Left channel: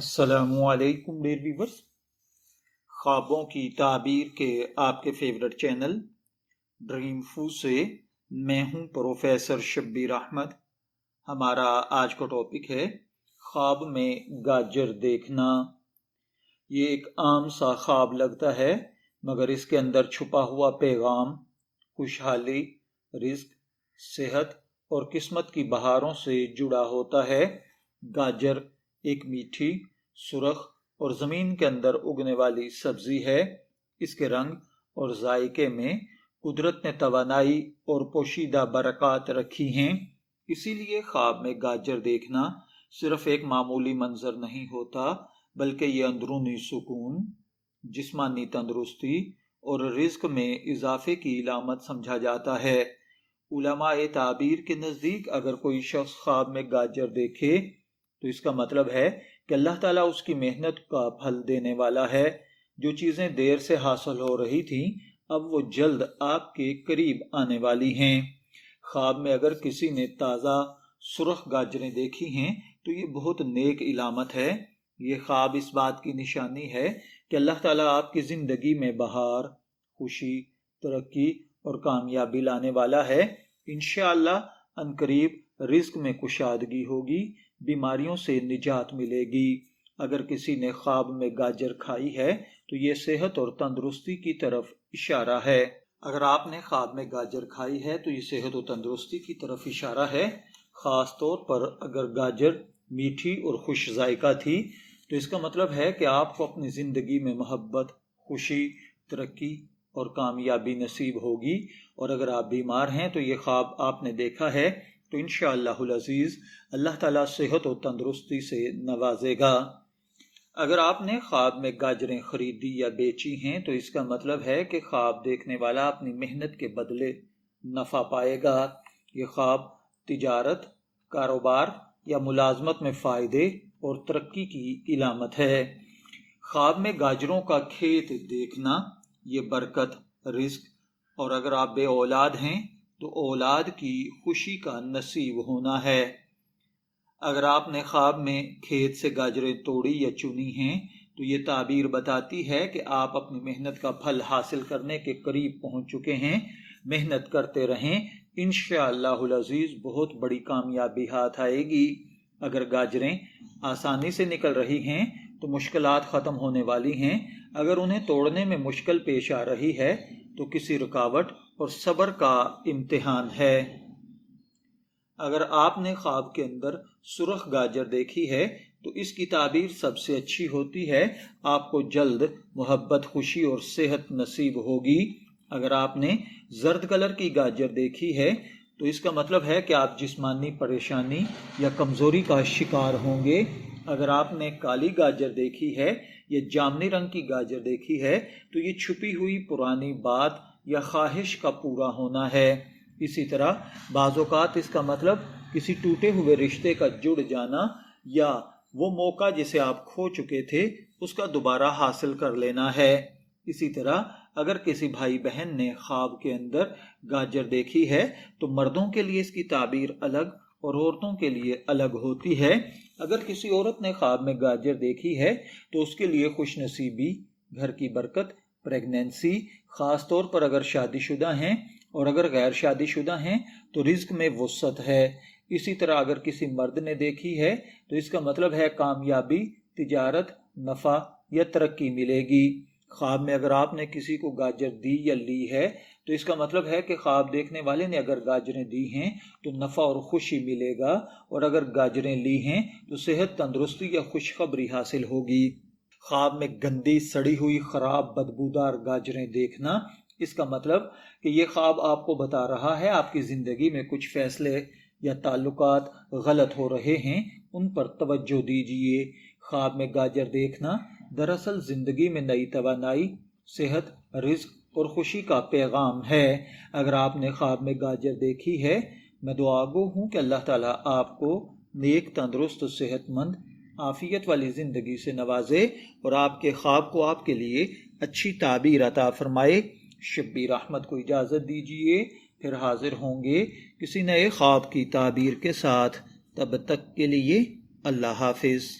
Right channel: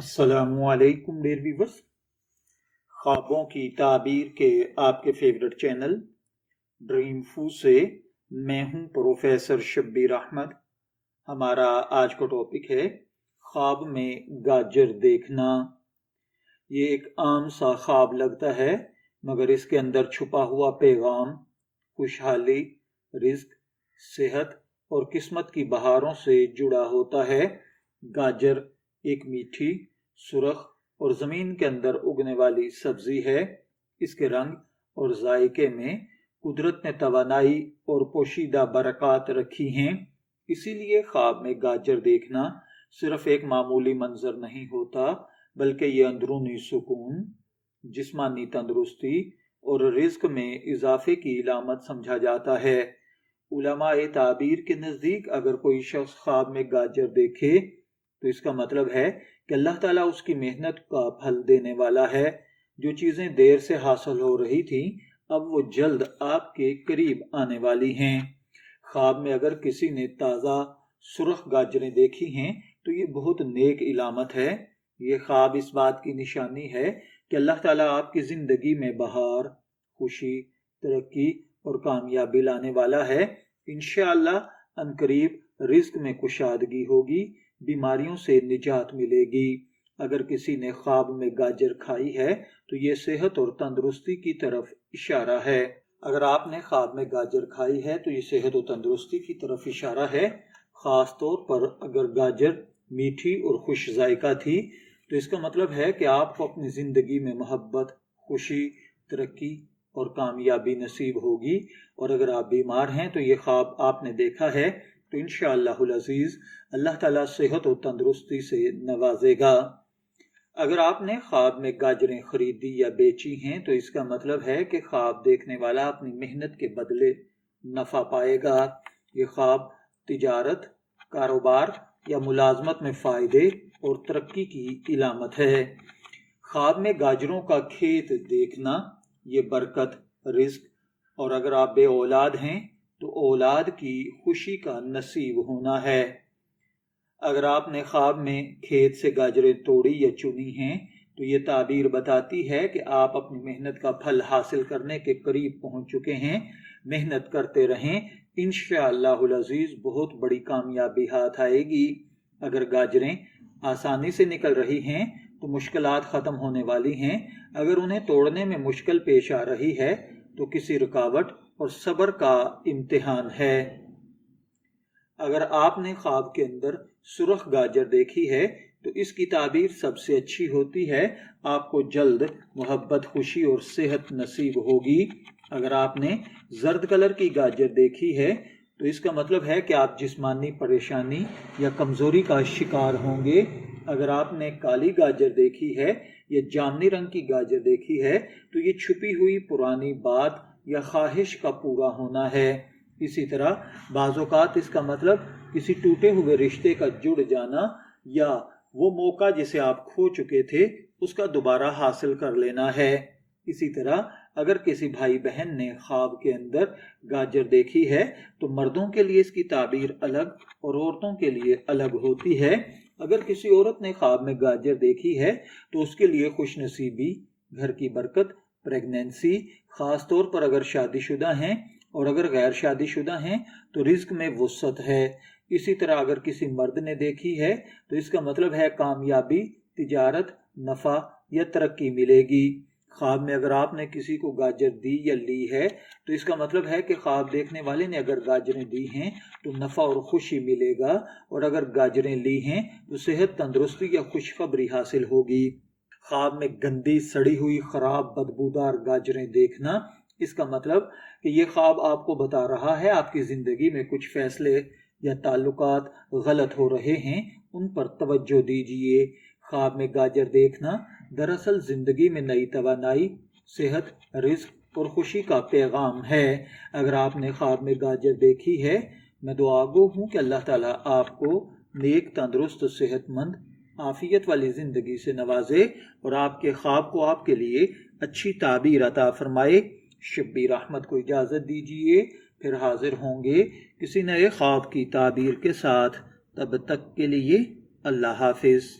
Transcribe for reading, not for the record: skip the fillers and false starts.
السلام علیکم dear viewers, خوابوں کی تعبیر کے آپ کے فیورٹ چینل ڈریم فو سے میں ہوں پروفیسر شبیر احمد۔ ہمارا آج کا ٹاپک ہے خواب میں گاجر دیکھنا۔ یہ ایک عام سا خواب لگتا ہے، مگر اس کے اندر چھپا ہوا پیغام خوشحالی، رزق، صحت اور قسمت کی بہاروں سے جڑا ہوتا ہے۔ گاجر ایک میٹھی، سرخ اور زمین کے اندر اگنے والی سبزی ہے۔ اس کے رنگ اور ذائقے میں قدرت نے توانائی اور پوشیدہ برکات رکھی ہیں، اسی لیے خواب میں گاجر دیکھنا صرف ایک معمولی منظر نہیں ہوتا، بلکہ یہ اندرونی سکون، جسمانی تندرستی اور رزق میں اضافے کی علامت سمجھا جاتا ہے۔ علماء تعبیر کے نزدیک اگر کوئی شخص خواب میں گاجر دیکھے تو اس کا مطلب ہے کہ اللہ تعالیٰ اس کی محنت کا پھل دینے والا ہے۔ جو چیزیں دیر سے حاصل ہو رہی تھیں اب وہ جلد آپ کے قریب آنے والی ہیں۔ خواب میں اگر کسی نے تازہ سرخ گاجریں دیکھی ہیں تو یہ بہت نیک علامت ہے۔ یہ خواب اس بات کی نشانی ہے کہ اللہ تعالیٰ آپ کی زندگی میں بہار، خوشی، ترقی اور کامیابی لانے والا ہے۔ انشاءاللہ عنقریب رزق میں کشادگی ہوگی، بیماریوں سے نجات ملے گی۔ اگر کسی نے خواب میں گاجر کھائی ہے تو یہ صحت اور تندرستی کی طرف اشارہ ہے۔ اگر آپ نے خواب میں گاجر کھائی ہے تو یہ صحت و تندرستی کی طرف اشارہ ہے۔ خاص طور پر اگر گاجر میٹھی اور خوش ذائقہ تھی تو اس کا مطلب ہے کہ آپ کو اپنی زندگی میں محبت، خوشی، ترقی اور کامیابی نصیب ہوگی۔ اور اگر آپ بیمار ہیں تو یہ خواب آپ نے دیکھا ہے تو انشاءاللہ العزیز اللہ تعالیٰ صحت و تندرستی سے نوازے گا۔ اگر آپ نے خواب میں گاجریں خریدی یا بیچی ہیں تو اس کا مطلب ہے کہ خواب دیکھنے والا اپنی محنت کے بدلے نفع پائے گا۔ یہ خواب تجارت، کاروبار یا ملازمت میں فائدے اور ترقی کی علامت ہے۔ خواب میں گاجروں کا کھیت دیکھنا یہ برکت، رزق اور اگر آپ بے اولاد ہیں تو اولاد کی خوشی کا نصیب ہونا ہے۔ اگر آپ نے خواب میں کھیت سے گاجریں توڑی یا چنی ہیں تو یہ تعبیر بتاتی ہے کہ آپ اپنی محنت کا پھل حاصل کرنے کے قریب پہنچ چکے ہیں۔ محنت کرتے رہیں، انشاءاللہ العزیز بہت بڑی کامیابی ہاتھ آئے گی۔ اگر گاجریں آسانی سے نکل رہی ہیں تو مشکلات ختم ہونے والی ہیں۔ اگر انہیں توڑنے میں مشکل پیش آ رہی ہے تو کسی رکاوٹ اور صبر کا امتحان ہے۔ اگر آپ نے خواب کے اندر سرخ گاجر دیکھی ہے تو اس کی تعبیر سب سے اچھی ہوتی ہے، آپ کو جلد محبت، خوشی اور صحت نصیب ہوگی۔ اگر آپ نے زرد کلر کی گاجر دیکھی ہے تو اس کا مطلب ہے کہ آپ جسمانی پریشانی یا کمزوری کا شکار ہوں گے۔ اگر آپ نے کالی گاجر دیکھی ہے یا جامنی رنگ کی گاجر دیکھی ہے تو یہ چھپی ہوئی پرانی بات یا خواہش کا پورا ہونا ہے۔ اسی طرح بعض اوقات اس کا مطلب کسی ٹوٹے ہوئے رشتے کا جڑ جانا یا وہ موقع جسے آپ کھو چکے تھے اس کا دوبارہ حاصل کر لینا ہے۔ اسی طرح اگر کسی بھائی بہن نے خواب کے اندر گاجر دیکھی ہے تو مردوں کے لیے اس کی تعبیر الگ اور عورتوں کے لیے الگ ہوتی ہے۔ اگر کسی عورت نے خواب میں گاجر دیکھی ہے تو اس کے لیے خوش نصیبی، گھر کی برکت، پریگنینسی، خاص طور پر اگر شادی شدہ ہیں، اور اگر غیر شادی شدہ ہیں تو رزق میں وسعت ہے۔ اسی طرح اگر کسی مرد نے دیکھی ہے تو اس کا مطلب ہے کامیابی، تجارت، نفع یا ترقی ملے گی۔ خواب میں اگر آپ نے کسی کو گاجر دی یا لی ہے تو اس کا مطلب ہے کہ خواب دیکھنے والے نے اگر گاجریں دی ہیں تو نفع اور خوشی ملے گا، اور اگر گاجریں لی ہیں تو صحت، تندرستی یا خوشخبری حاصل ہوگی۔ خواب میں گندی، سڑی ہوئی، خراب، بدبودار گاجریں دیکھنا، اس کا مطلب کہ یہ خواب آپ کو بتا رہا ہے آپ کی زندگی میں کچھ فیصلے یا تعلقات غلط ہو رہے ہیں، ان پر توجہ دیجیے۔ خواب میں گاجر دیکھنا دراصل زندگی میں نئی توانائی، صحت، رزق اور خوشی کا پیغام ہے۔ اگر آپ نے خواب میں گاجر دیکھی ہے، میں دعا گو ہوں کہ اللہ تعالیٰ آپ کو نیک، تندرست، صحت مند، عافیت والی زندگی سے نوازے اور آپ کے خواب کو آپ کے لیے اچھی تعبیر عطا فرمائے۔ شبیر احمد کو اجازت دیجیے، پھر حاضر ہوں گے کسی نئے خواب کی تعبیر کے ساتھ۔ تب تک کے لیے اللہ حافظ۔